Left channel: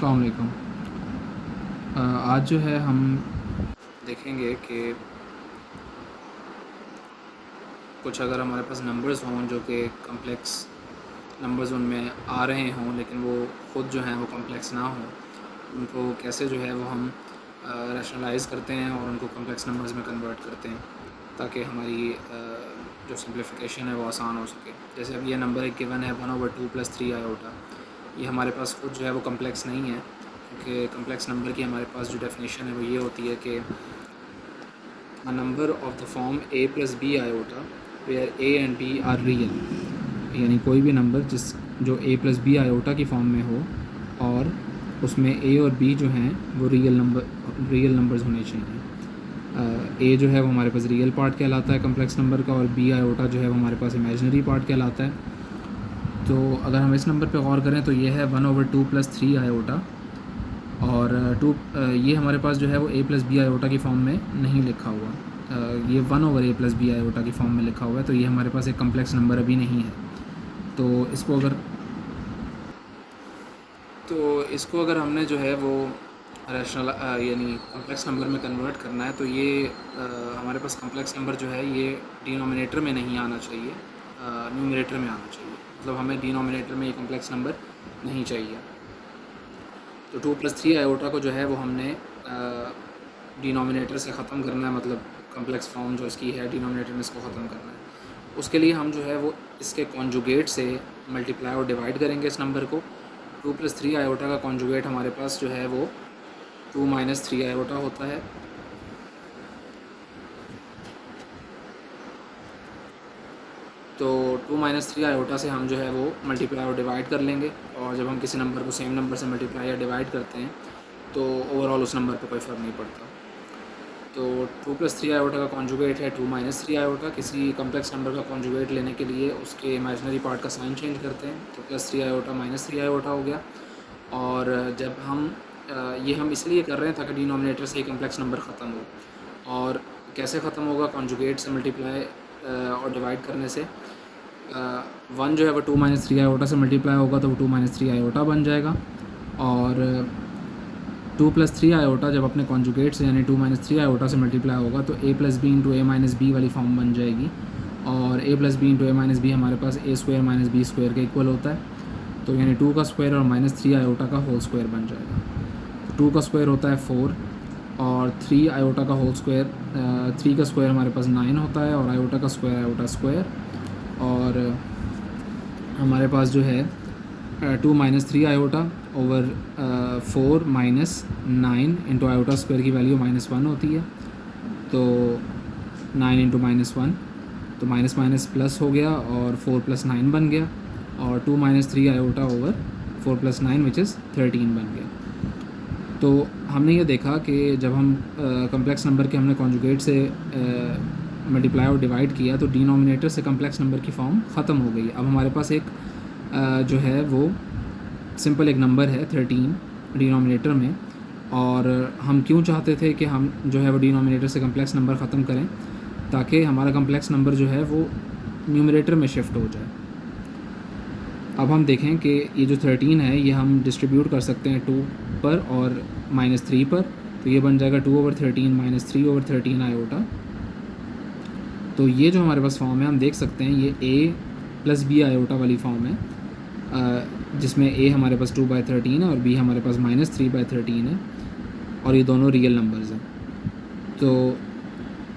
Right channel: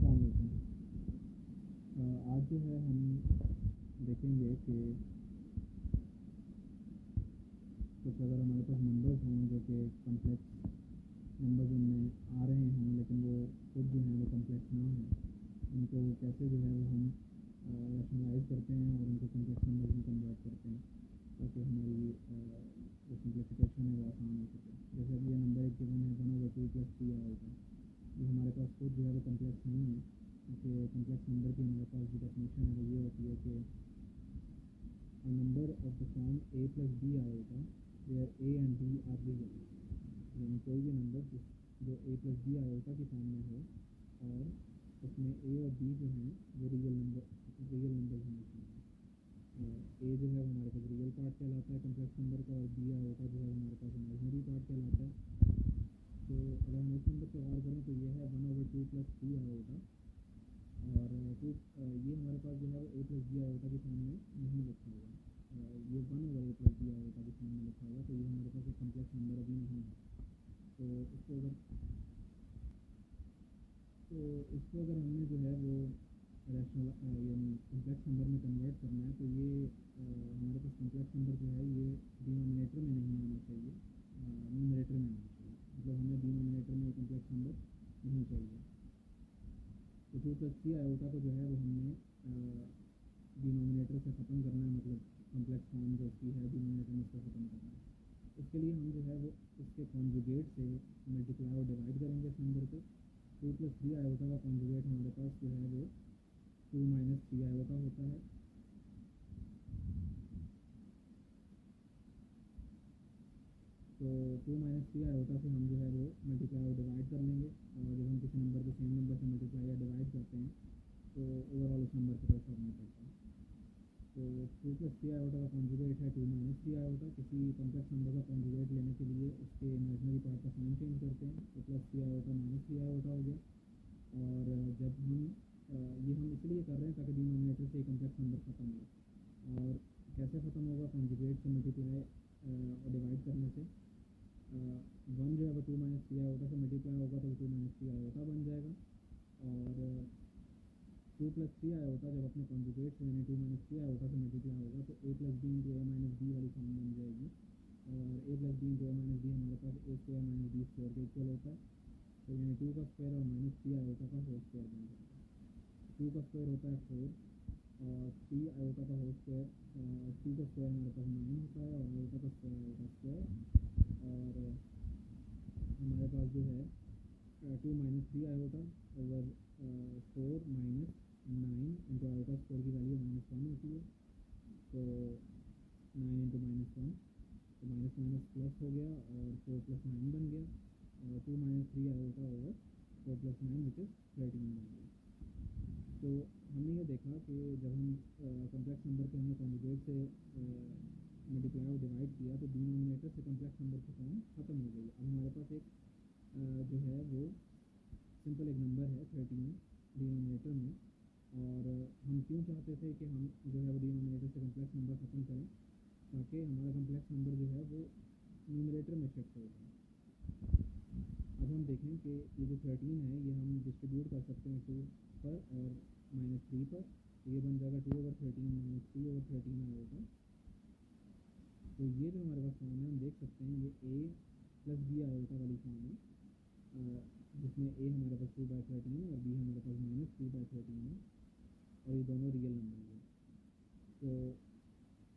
अस्सलाम वालेकुम। आज जो है हम देखेंगे कि कुछ अगर हमारे पास नंबर्स हों जो कि कम्प्लेक्स नंबर्स उनमें आ रहे हों लेकिन वो ख़ुद जो हैं वो कम्प्लेक्स ना हों, उनको कैसे जो है वो हम रैशनलाइज़ करते हैं और उनको कम्प्लेक्स नंबर्स में कन्वर्ट करते हैं ताकि हमारी जो सिम्प्लिफिकेशन है वो आसान हो सके। जैसे अब ये नंबर एक गिवन है 1/2 + 3 आयोटा, ये हमारे पास खुद जो है वो कम्प्लेक्स नहीं है क्योंकि कम्प्लेक्स नंबर की हमारे पास जो डेफिनेशन है वो ये होती है कि a number of the form a plus b iota where a and b are real, यानी कोई भी नंबर जो a plus b आयोटा की फॉर्म में हो और उसमें a और b जो हैं वो रियल नंबर्स होने चाहिए। a जो है वो हमारे पास रियल पार्ट कहलाता है कम्प्लेक्स नंबर का और b आयोटा जो है वो हमारे पास इमेजिनरी पार्ट कहलाता है। तो अगर हम इस नंबर पे गौर करें तो ये है 1/2 + 3 आयोटा और ये हमारे पास जो है वो a + b आयोटा की फॉर्म में नहीं लिखा हुआ, ये 1/a + b आयोटा की फॉर्म में लिखा हुआ है, तो ये हमारे पास एक कम्प्लेक्स नंबर अभी नहीं है। तो इसको अगर हमने जो है वो रैशनल यानी कम्प्लेक्स नंबर में कन्वर्ट करना है तो ये हमारे पास कम्प्लेक्स नंबर जो है ये डिनोमिनेटर में नहीं आना चाहिए, न्यूमरेटर में आना चाहिए। मतलब हमें डिनोमिनेटर में ये कम्प्लेक्स नंबर नहीं चाहिए। तो 2 + 3 आयोटा को जो है वो हमने डिनोमिनेटर से ख़त्म करना है, मतलब कम्प्लेक्स फॉर्म जो इसकी है डिनोमिनेटर में इसको ख़त्म करना है। उसके लिए हम जो है वो इसके कॉन्जुगेट से मल्टीप्लाई और डिवाइड करेंगे इस नंबर को। 2 + 3 आयोटा का कॉन्जुगेट हमारे पास जो है वो 2 - 3 आयोटा होता है। तो 2 - 3 आयोटा से हम जो है वो मल्टीप्लाई और डिवाइड कर लेंगे, और जब हम किसी नंबर को सेम नंबर से मल्टीप्लाई या डिवाइड करते हैं तो ओवरऑल उस नंबर पर कोई फ़र्क नहीं पड़ता। तो 2 + 3 आयोटा का कॉन्जुगेट है 2 - 3 आयोटा। किसी कम्प्लेक्स नंबर का कॉन्जुगेट लेने के लिए उसके इमेजिनरी पार्ट का साइन चेंज करते हैं, तो +3 आयोटा -3 आयोटा हो गया। और जब हम ये हम इसलिए कर रहे हैं ताकि डिनोमिनेटर से कम्प्लेक्स नंबर ख़त्म हो। और कैसे ख़त्म होगा? कॉन्जुगेट से मल्टीप्लाई और डिवाइड करने से। 1 जो है वो 2 - 3 आयोटा से मल्टीप्लाई होगा तो वो 2 - 3 आयोटा बन जाएगा। और 2 + 3 आयोटा जब अपने कॉन्जुगेट से यानी 2 - 3 आयोटा से मल्टीप्लाई होगा तो a + b × a - b वाली फॉर्म बन जाएगी। और a + b × a - b हमारे पास a² - b² के इक्वल होता है, तो यानी 2 का स्क्वायर और -3 आयोटा का होल स्क्वायर बन जाएगा। 2 का स्क्वायर होता है 4 और 3 आयोटा का होल स्क्वायर, 3 का स्क्वायर हमारे पास 9 होता है और आयोटा का स्क्वायर आयोटा स्क्वायर। और हमारे पास जो है 2 - 3 iota over 4 - 9 into iota square की वैल्यू -1 होती है, तो 9 इंटू -1 तो माइनस माइनस प्लस हो गया और 4 + 9 बन गया, और 2 - 3 आयोटा ओवर 4 + 9 विच इज़ 13 बन गया। तो हमने ये देखा कि जब हम कम्प्लेक्स नंबर के हमने कॉन्जुगेट से मल्टीप्लाई और डिवाइड किया तो डिनोमिनेटर से कम्प्लेक्स नंबर की फॉर्म ख़त्म हो गई। अब हमारे पास एक जो है वो सिंपल एक नंबर है 13 डिनोमिनेटर में, और हम क्यों चाहते थे कि हम जो है वो डिनोमिनेटर से कम्प्लेक्स नंबर ख़त्म करें ताकि हमारा कम्प्लेक्स नंबर जो है वो न्यूमरेटर में शिफ्ट हो जाए। अब हम देखें कि ये जो 13 है ये हम डिस्ट्रीब्यूट कर सकते हैं 2 पर और -3 पर, तो ये बन जाएगा 2/13 - 3/13 आयोटा। तो ये जो हमारे पास फॉर्म है हम देख सकते हैं ये a + b आयोटा वाली फॉर्म है, जिसमें a हमारे पास 2/13 है और b हमारे पास -3/13 है, और ये दोनों रियल नंबर्स हैं। तो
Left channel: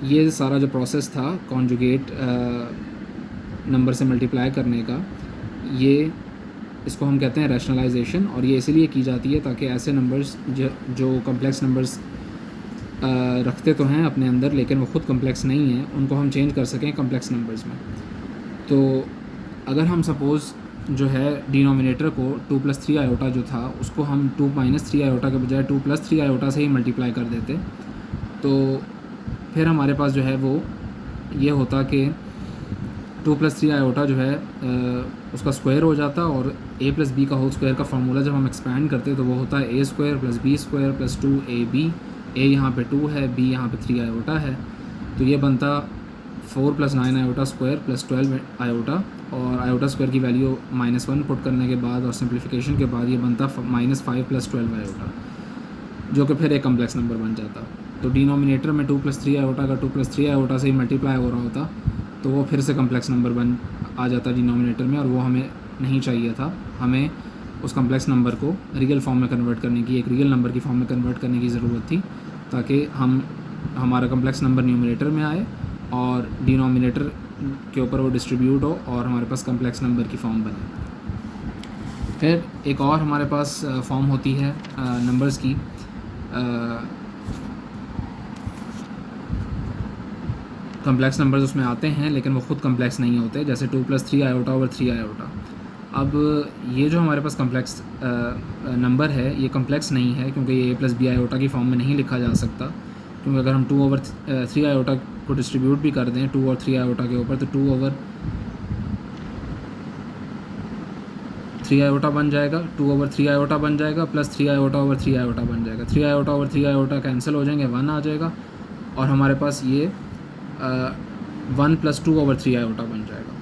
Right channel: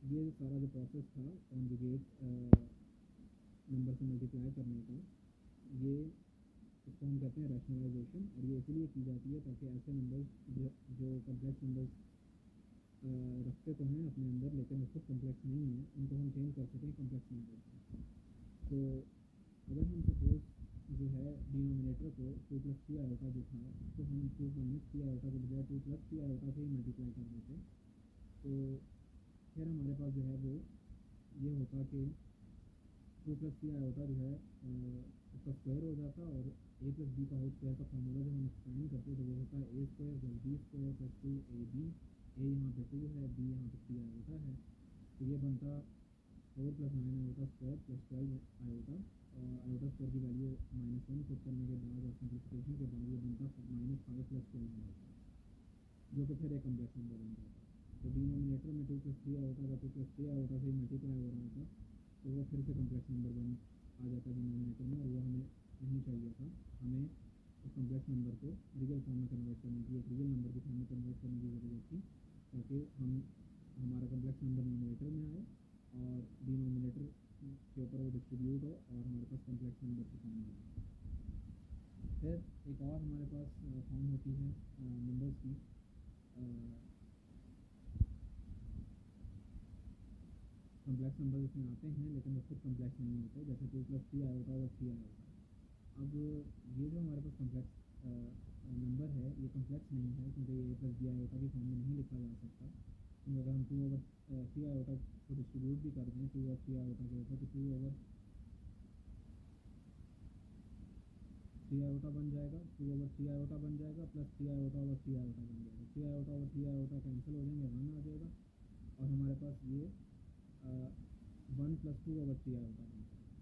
ये सारा जो प्रोसेस था कॉन्जुगेट नंबर से मल्टीप्लाई करने का, ये इसको हम कहते हैं रैशनलाइजेशन, और ये इसीलिए की जाती है ताकि ऐसे नंबर्स जो कम्प्लेक्स नंबर्स रखते तो हैं अपने अंदर लेकिन वो ख़ुद कम्प्लेक्स नहीं हैं, उनको हम चेंज कर सकें कम्प्लेक्स नंबर्स में। तो अगर हम सपोज़ जो है डिनोमिनेटर को 2 + 3 आयोटा जो था उसको हम 2 - 3 आयोटा के बजाय 2 + 3 आयोटा से ही मल्टीप्लाई कर देते, तो फिर हमारे पास जो है वो ये होता कि 2 + 3 आयोटा जो है उसका स्क्वायर हो जाता, और a + b का होल स्क्वायर का फार्मूला जब हम एक्सपैंड करते तो वो होता है a² + b² + 2ab। a यहाँ पे 2 है, b यहाँ पे 3 आयोटा है, तो ये बनता 4 + 9 आयोटा स्क्वायर + 12 आयोटा और आयोटा स्क्वायर की वैल्यू -1 पुट करने के बाद और सिंप्लीफिकेशन के बाद ये बनता -5 + 12 आयोटा, जो कि फिर एक कम्प्लेक्स नंबर बन जाता। तो डिनोमिनेटर में 2 + 3 आयोटा का 2 + 3 आयोटा से ही मल्टीप्लाई हो रहा होता, तो वो फिर से कम्प्लेक्स नंबर आ जाता डिनोमिनेटर में, और वो हमें नहीं चाहिए था। हमें उस कम्प्लेक्स नंबर को रियल फॉर्म में कन्वर्ट करने की, एक रियल नंबर की फॉर्म में कन्वर्ट करने की ज़रूरत थी, ताकि हमारा कम्प्लेक्स नंबर न्यूमरेटर में आए और डिनोमिनेटर के ऊपर वो डिस्ट्रीब्यूट हो और हमारे पास कम्प्लेक्स नंबर की फॉर्म बने। फिर एक और हमारे पास फॉर्म होती है नंबर्स की, कम्प्लेक्स नंबर्स उसमें आते हैं लेकिन वो ख़ुद कम्प्लेक्स नहीं होते, जैसे 2 + 3 आयोटा ओवर 3 आयोटा। अब ये जो हमारे पास कम्प्लेक्स नंबर है ये कम्प्लेक्स नहीं है, क्योंकि ये a + b आयोटा की फॉर्म में नहीं लिखा जा सकता, क्योंकि अगर हम 2/3 आयोटा को डिस्ट्रीब्यूट भी कर दें 2 और 3 आयोटा के ऊपर, तो 2/3 आयोटा बन जाएगा, 2/3 आयोटा बन जाएगा, प्लस 3 आयोटा ओवर 3 आयोटा बन जाएगा। 3 आयोटा ओवर 3 आयोटा कैंसिल हो जाएंगे, 1 आ जाएगा, और हमारे पास ये 1 + 2/3 आयोटा बन जाएगा।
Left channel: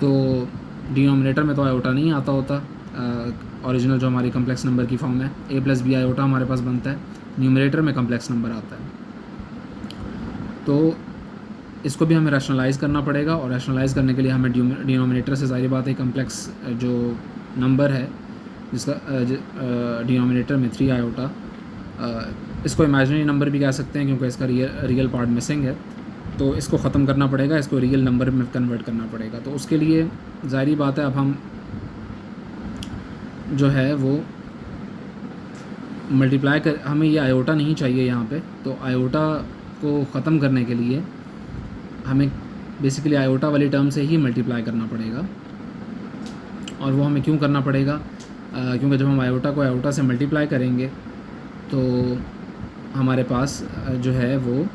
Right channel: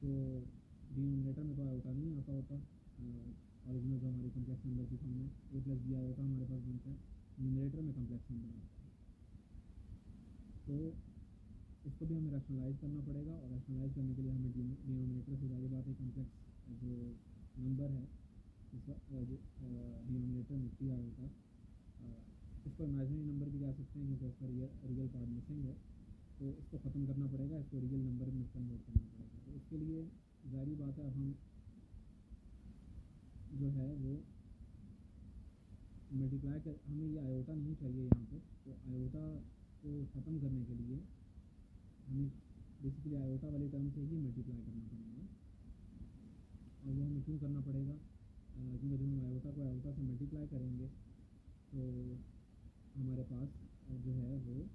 तो डिनोमिनेटर में तो आयोटा नहीं आता होता, ओरिजिनल जो हमारी कम्प्लेक्स नंबर की फॉर्म है, a + b आयोटा हमारे पास बनता है, न्यूमरेटर में कम्प्लेक्स नंबर आता है। तो इसको भी हमें रैशनलाइज़ करना पड़ेगा, और रैशनलाइज़ करने के लिए हमें डिनोमिनेटर से ज़ाहिर बात है कम्प्लेक्स जो नंबर है जिसका डिनोमिनेटर में 3 आयोटा, इसको इमेजिनरी नंबर भी कह सकते हैं क्योंकि इसका रियल पार्ट मिसिंग है, तो इसको ख़त्म करना पड़ेगा, इसको रियल नंबर में कन्वर्ट करना पड़ेगा। तो उसके लिए ज़ाहिर बात है अब हम जो है वो मल्टीप्लाई कर, हमें ये आयोटा नहीं चाहिए यहाँ पे, तो आयोटा को ख़त्म करने के लिए हमें बेसिकली आयोटा वाली टर्म से ही मल्टीप्लाई करना पड़ेगा। और वो हमें क्यों करना पड़ेगा, क्योंकि जब हम आयोटा को आयोटा से मल्टीप्लाई करेंगे तो हमारे पास जो है वो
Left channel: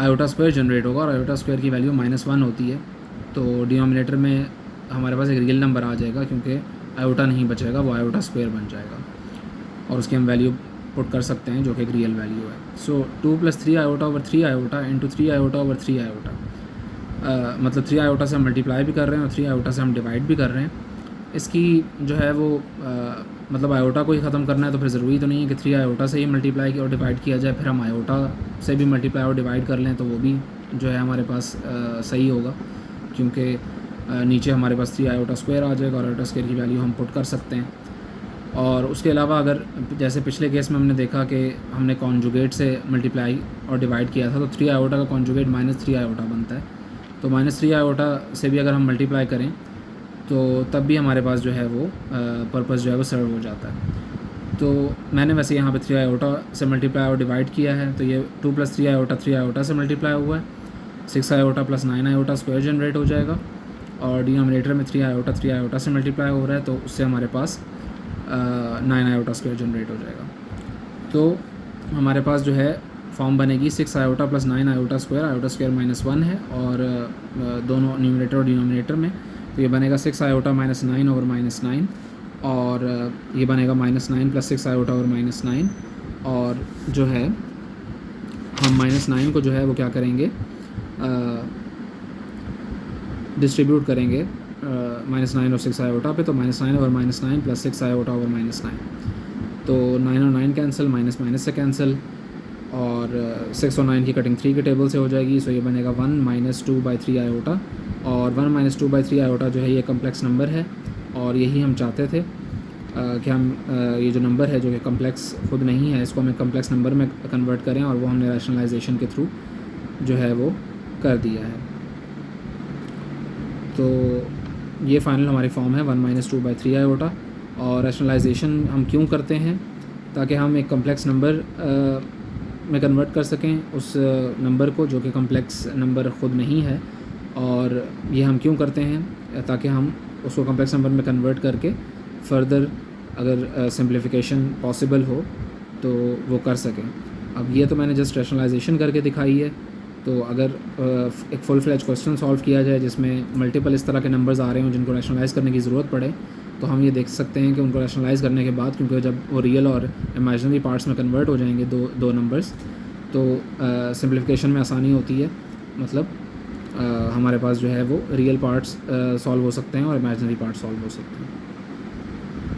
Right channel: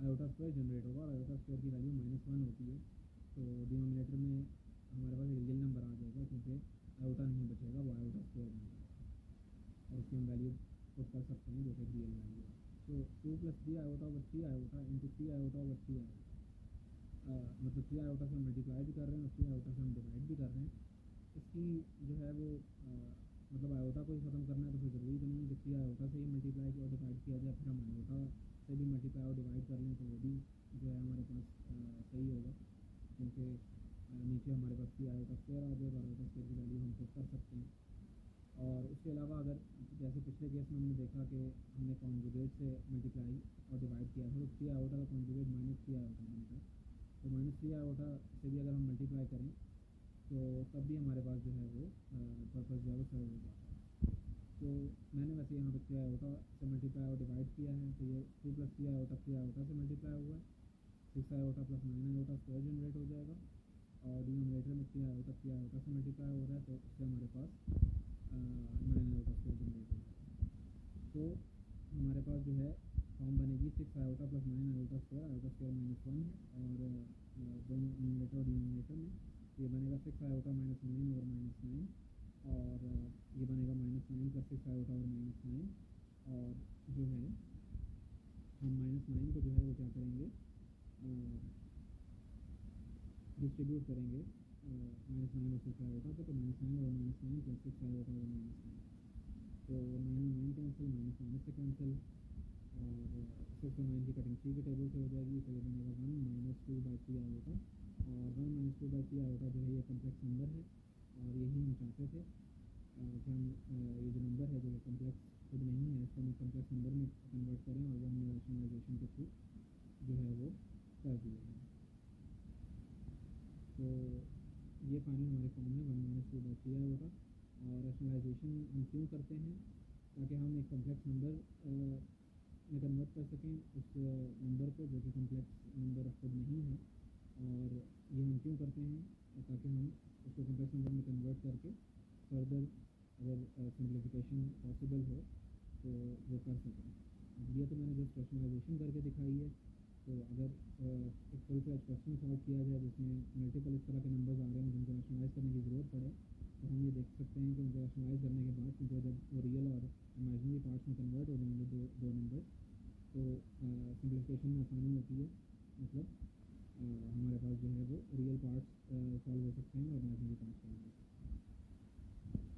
आयोटा स्क्वायर जनरेट होगा, और आयोटा स्क्वायर की वैल्यू -1 होती है, तो डिनोमिनेटर में हमारे पास एक रियल नंबर आ जाएगा, क्योंकि आयोटा नहीं बचेगा, वो आयोटा स्क्वायर बन जाएगा, और उसकी हम वैल्यू पुट कर सकते हैं जो कि एक रियल वैल्यू है। सो 2 + 3 iota over 3 iota into 3 iota over 3 iota, मतलब 3 आयोटा से हम मल्टीप्लाई भी कर रहे हैं और 3 आयोटा से हम डिवाइड भी कर रहे हैं। इसकी जो है वो मतलब आयोटा को ही ख़त्म करना है, तो फिर ज़रूरी तो नहीं है कि 3 आयोटा से ही मल्टीप्लाई और डिवाइड किया जाए, फिर हम आयोटा से भी मल्टीप्लाई और डिवाइड कर लें तो वो भी जो है हमारे पास सही होगा, क्योंकि नीचे हमारे पास 3 आयोटा स्क्वायर आ जाएगा और आयोटा स्क्वायर की वैल्यू हम पुट कर सकते हैं। और उसके अलावा अगर जैसे पिछले केस में हमने देखा कि हमने कॉन्जुगेट से मल्टीप्लाई और डिवाइड किया था, तो 3 आयोटा का कॉन्जुगेट -3 आयोटा बनता है, तो -3 आयोटा से भी अगर हम मल्टीप्लाई करें तो तब भी हमारे पास जो है वो पर्पस जो है वो सर्व हो जाता है। तो मैंने वैसे यहाँ पे 3 आयोटा से मल्टीप्लाई और डिवाइड किया है, तो ये 2 + 3 आयोटा 3 आयोटा से मल्टीप्लाई हुआ है, 6 आयोटा + 9 आयोटा स्क्वायर जनरेट हो जाएगा, और डिनोमिनेटर में 3 आयोटा से मल्टीप्लाई हो रहा है, तो उससे हमारे पास 9 आयोटा स्क्वायर जनरेट हो जाएगा। तो हमारे पास जो है फॉर्म बनेगी 6 आयोटा + 9 आयोटा स्क्वायर -1 है, और दोनों न्यूमरेटर और डिनोमिनेटर में, तो ये बनेगा 6 आयोटा -9 ओवर -9, और ये बनेगा -9 + 6 आयोटा ओवर -9, और जो है हम -9 को जो है वो क्या करेंगे, डिस्ट्रीब्यूट करेंगे -9 और 6 आयोटा पे, तो -9 ओवर -9 + 6 आयोटा ओवर -9, तो 9 और 9 कैंसिल, माइनस से कैंसिल, और 6 और 9 की कटिंग 3 के टेबल से हो जाएगी, सो ये बनेगा 1 - 2/3 आयोटा, और 1 - 2/3 आयोटा जो है ये कम्प्लेक्स नंबर है, और यही हम चाहते थे कि हम ये जो नंबर है जो कि कम्प्लेक्स खुद नहीं है, इसको हमें कम्प्लेक्स नंबर में कन्वर्ट करें, और वो हमने रैशनलाइजेशन के थ्रू जो है वो कर दिया है। तो ये फाइनल हमारी फॉर्म है 1 - 2/3 आयोटा। और रैशनलाइजेशन हम क्यों करते हैं, ताकि हम एक कम्प्लेक्स नंबर में कन्वर्ट कर सकें उस नंबर को जो कि कम्प्लेक्स नंबर ख़ुद नहीं है, और ये हम क्यों करते हैं, ताकि हम उसको कम्प्लेक्स नंबर में कन्वर्ट करके फ़र्दर अगर सिंप्लीफिकेशन पॉसिबल हो तो वो कर सकें। अब ये तो मैंने जस्ट रैशनलाइजेशन करके दिखाई है, तो अगर एक फुल फ्लेज क्वेश्चन सॉल्व किया जाए जिसमें मल्टीपल इस तरह के नंबर्स आ रहे हों जिनको रैशनलाइज़ करने की ज़रूरत पड़े, तो हम ये देख सकते हैं कि उनको रैशनलाइज़ करने के बाद, क्योंकि जब वो रियल और इमेजिनरी पार्ट्स में कन्वर्ट हो जाएंगे दो नंबर्स, तो सिंप्लीफिकेशन में आसानी होती है, मतलब हमारे पास जो है वो रियल पार्ट्स सॉल्व हो सकते हैं और इमेजिनरी पार्ट्स सॉल्व हो सकते हैं।